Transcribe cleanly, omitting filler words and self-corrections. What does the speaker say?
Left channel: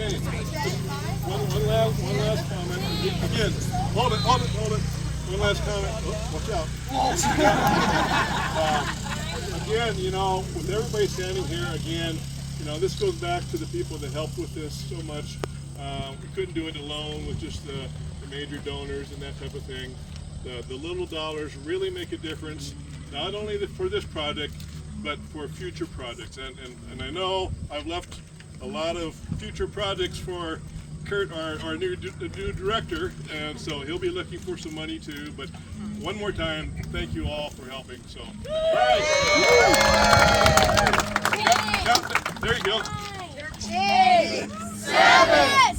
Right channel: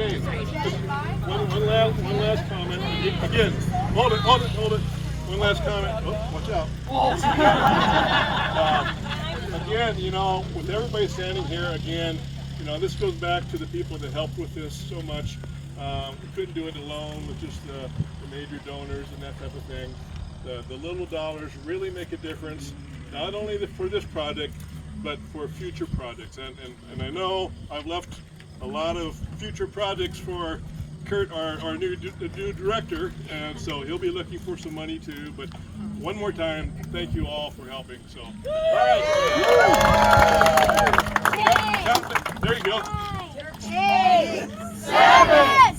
Okay. One last comment. Again, hold it. One last comment. Oh, watch out. Again, you know, with everybody standing here, again, you know, this goes back to the people that helped with this so much. We couldn't do it alone with just the major donors and that type of thing. The little dollars really make a difference, not only for this project, but for future projects. And I know I've left a lot of future projects for Kurt, our new director, and so he'll be looking for some money too. But one more time, thank you all for helping. So, all right. There you go. 8, 7,